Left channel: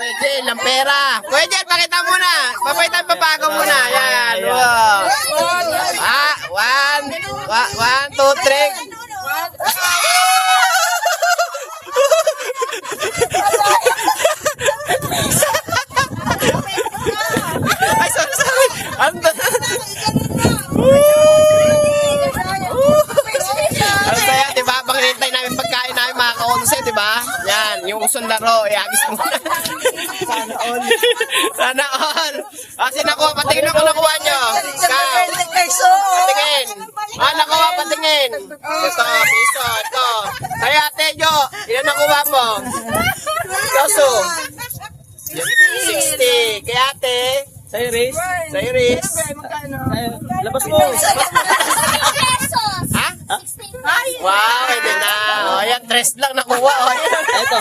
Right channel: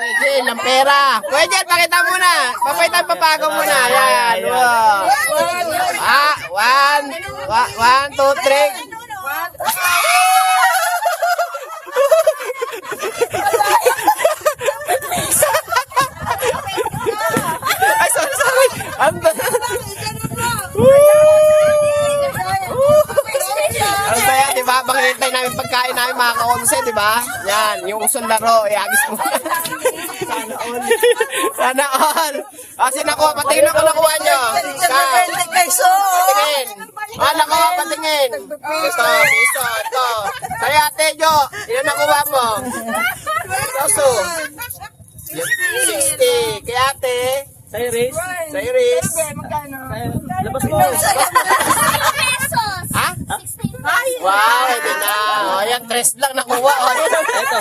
Jel, ng pera. Kuya Jel, pakita muna. Papaitan papago muna. Yan. Wow. One, two, three. Ay, sorry. Ang saya, diba? Pag-hintay namin pagkain namin mga ka-onse, diba? Yan, yung usong laro, iagis mo. Sana all. Kasi nakuha, patingin ako nakuha nyo. Patingin. Nakuha, patingin. Ito, piso, ito. Kaya ate, Jo, ilan nakuha mo? Yoso. 60. Kaya ate. Sa Iris. Labas mo. Ha? Wow, hindi na. O, yan, 3 lang nakuha. Ito.